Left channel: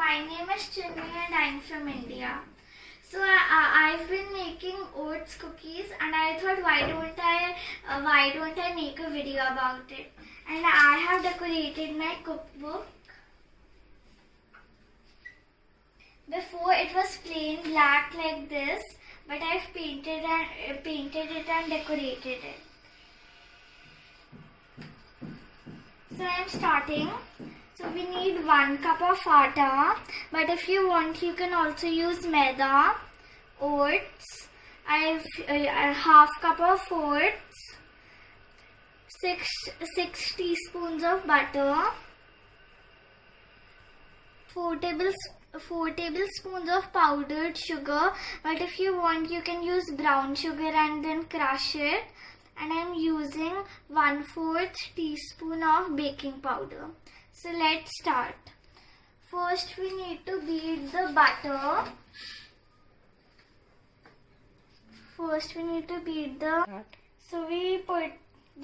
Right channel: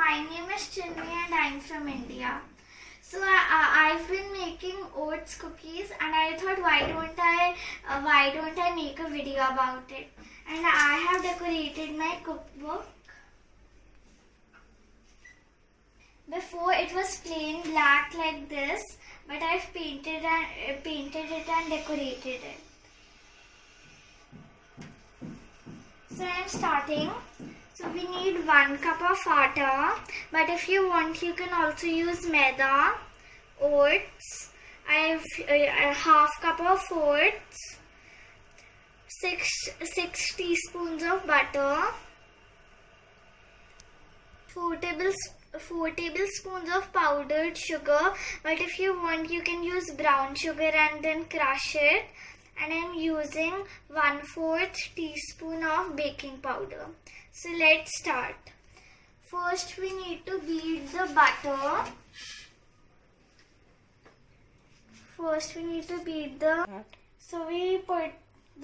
My name is Chinmayi and I'm from India. So I've been making oats cookies and I thought why don't I make a video about it. And I have decorated my cookbook. Before it was plain black like this, but I've painted it and decorated it. So I'm starting. So we need 1 cup of atta, but if you want you can also use maida, oats. I have a half cup of oats, 6 teaspoons of butter, 4 tablespoons of powdered sugar, but if you want you can use brown sugar and then crush it. And I'm using 1/4 teaspoon of baking powder. So let's start. First we need to beat the butter. So we put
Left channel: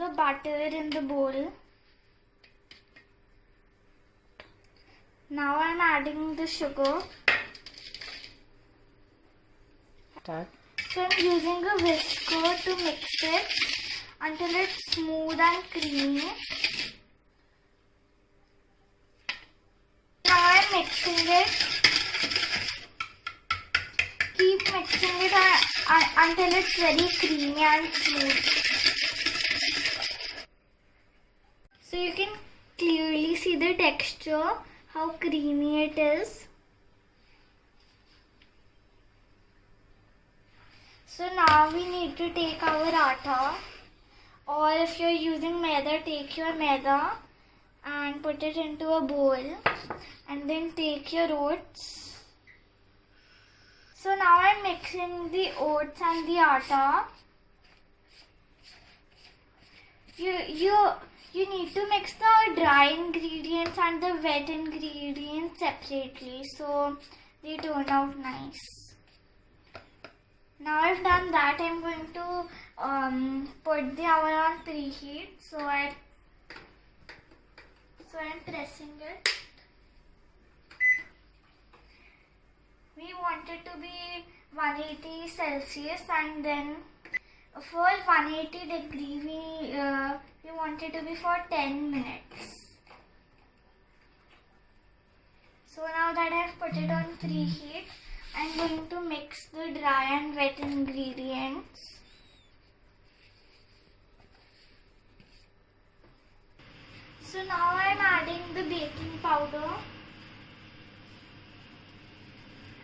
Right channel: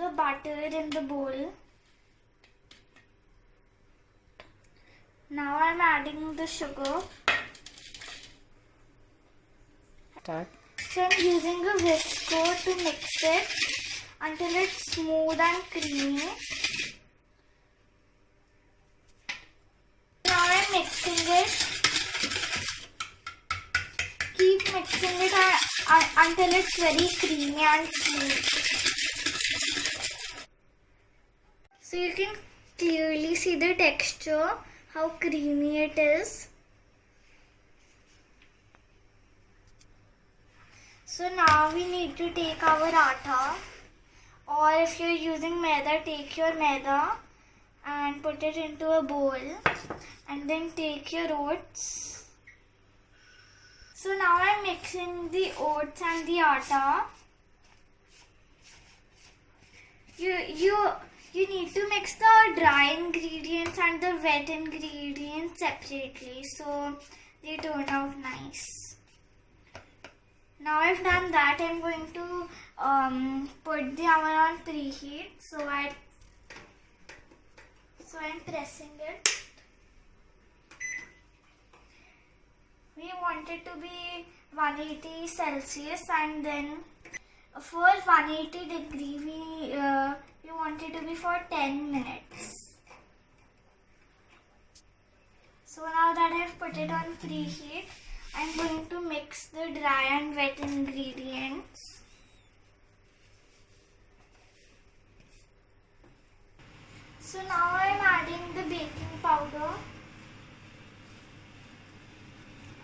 the butter in the bowl. Now I'm adding the sugar. So I'm using a whisker to mix it until it's smooth and creamy. Now I'm mixing it. Keep mixing it until it's very creamy and smooth. So you can clearly see the texture, how creamy it is. So now we need to take our atta, or if you're using maida, take your maida and put it into a bowl, and then take your oats. So now I'm mixing the oats and the atta. You need to mix the dry ingredients and the wet ingredients separately so they turn out nice. Now I've done that, I'm going to put the oven on preheat. So I'm pressing it. We want it to be 180 Celsius, and then for 180 degree we want it to be for 10 minutes. So now that I have put it on preheat, I'm going to mix the dry and wet ingredients. So now I'm adding the baking powder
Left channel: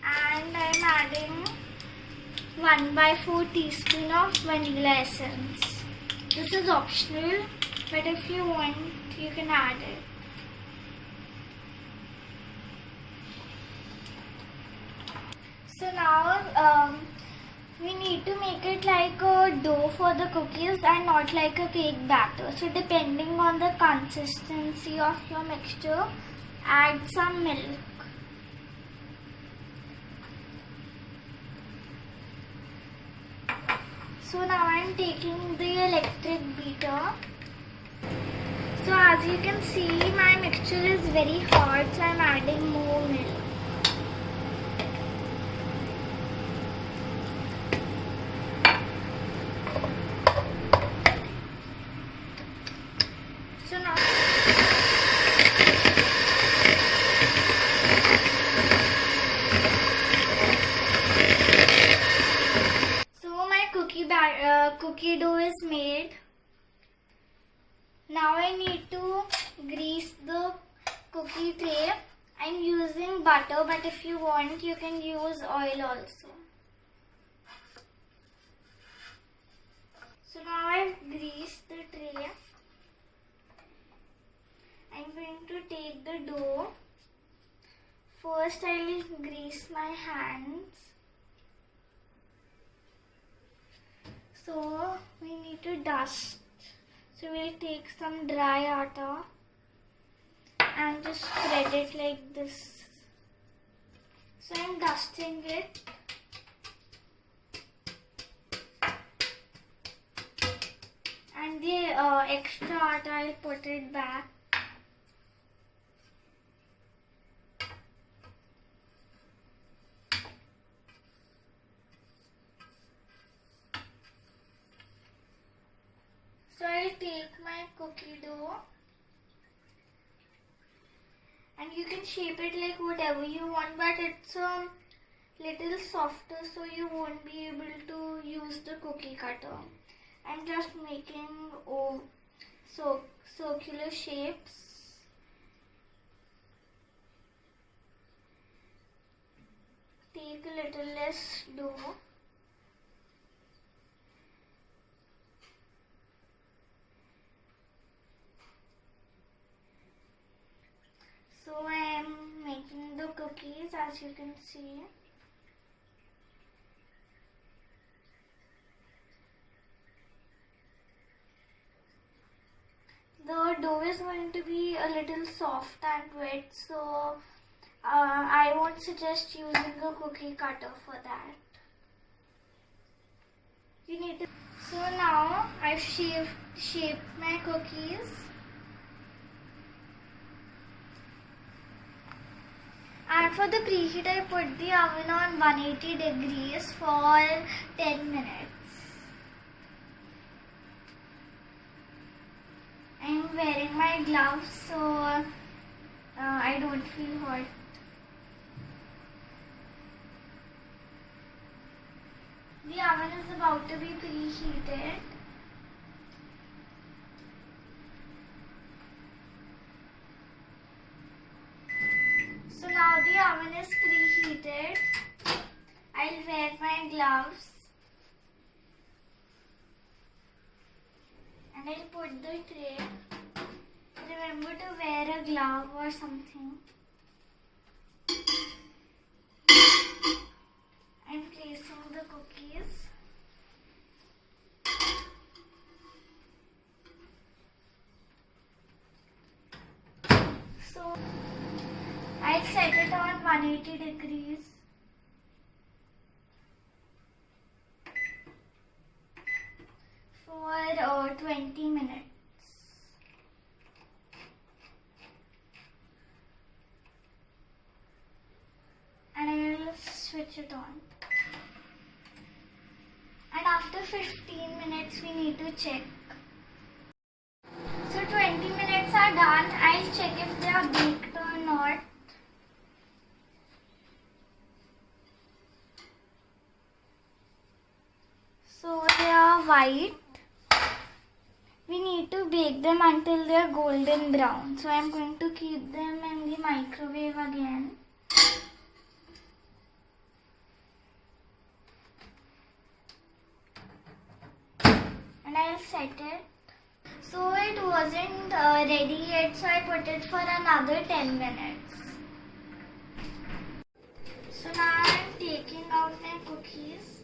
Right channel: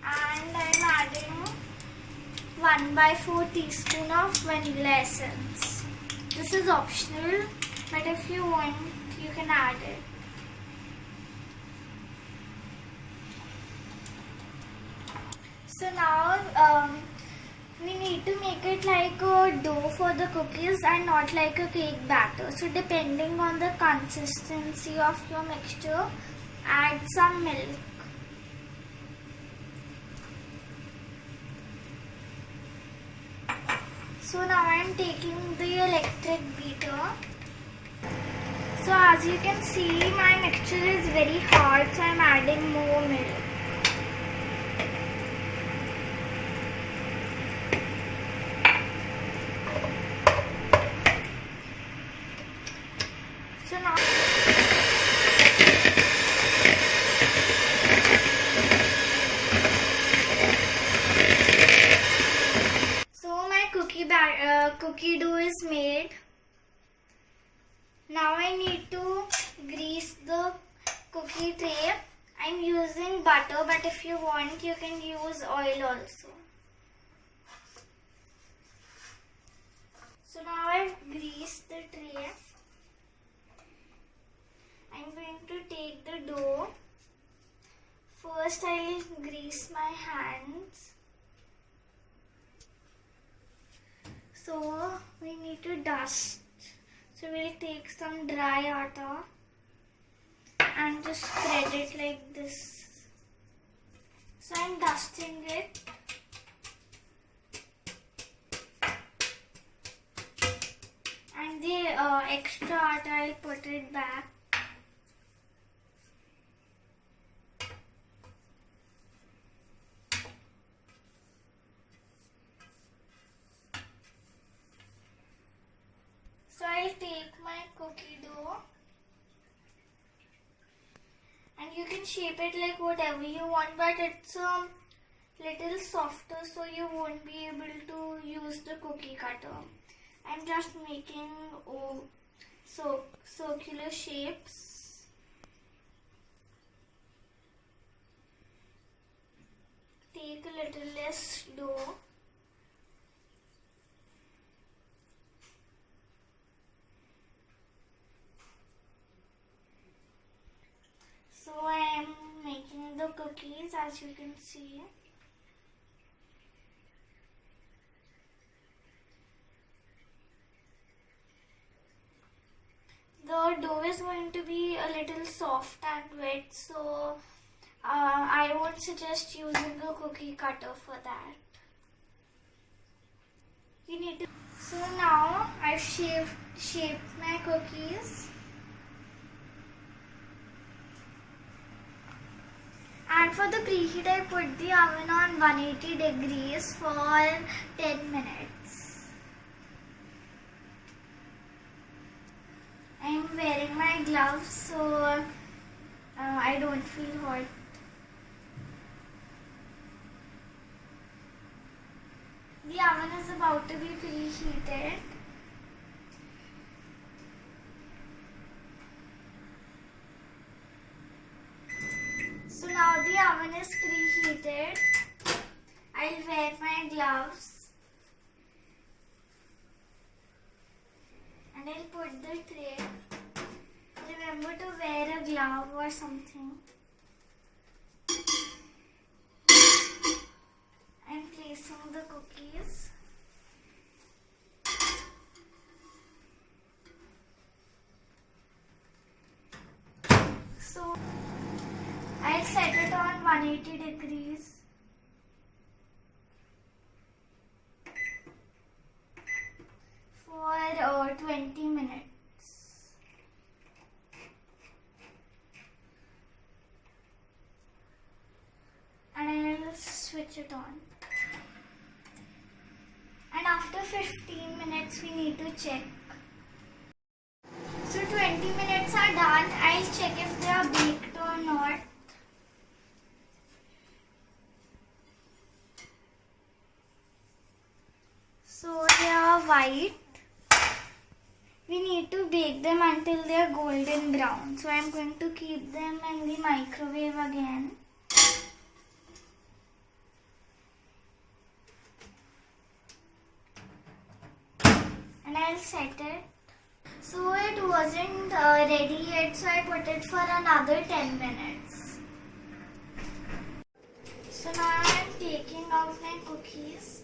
and I'm adding 1/4 teaspoon of vanilla essence. This is optional, but if you want you can add it. So now we need to make it like a dough for the cookies and not like a cake batter. So depending on the consistency of your mixture, add some milk. So now I am taking the electric beater. So as you can see, my mixture is very hard, so I am adding more milk. Cookie dough is made. Now I need to grease the cookie tray. I'm using butter, but if you want you can use oil also. So now I've greased the tray. I'm going to take the dough. First I'll grease my hands. So we need to dust. So we'll take some dry atta and just spread it like this. So I'm dusting it. And the extra atta I'll put it back. I'll take my cookie dough and you can shape it like whatever you want, but it's little softer so you won't be able to use the cookie cutter. I'm just making circular shapes. Take a little less dough. So I am making the cookies, as you can see. The dough is going to be a little soft and wet, so I won't suggest using a cookie cutter for that. You need to. So now I've shaped my cookies. And for the preheat, I put the oven on 180 degrees for 10 minutes. I'm wearing my gloves so I don't feel hot. The oven is about to be preheated. So now the oven is preheated. I'll wear my gloves and I'll put the tray. Remember to wear a glove or something. I'm placing the cookies. So I'll set it on 180 degrees. For 20 minutes. And I'll switch it on. And after 15 minutes we need to check. So 20 minutes are done. I'll check if they are baked or not. So they are white. We need to bake them until they are golden brown. So I am going to keep them in the microwave again. And I'll set it. So it wasn't ready yet, so I put it for another 10 minutes. So now I'm taking out my cookies.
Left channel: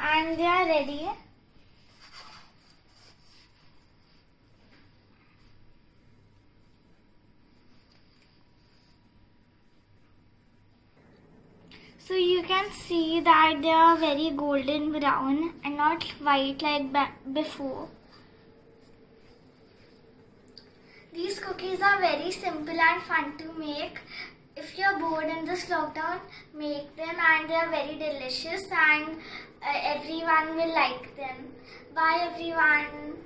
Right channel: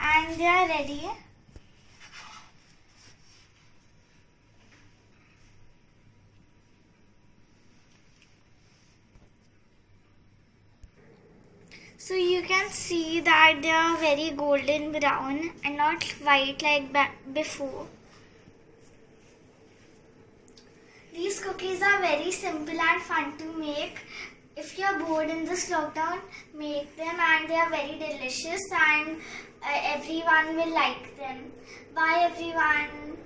And they are ready. So you can see that they are very golden brown and not white like before. These cookies are very simple and fun to make. If you are bored in this lockdown, make them, and they are very delicious and everyone will like them. Bye everyone.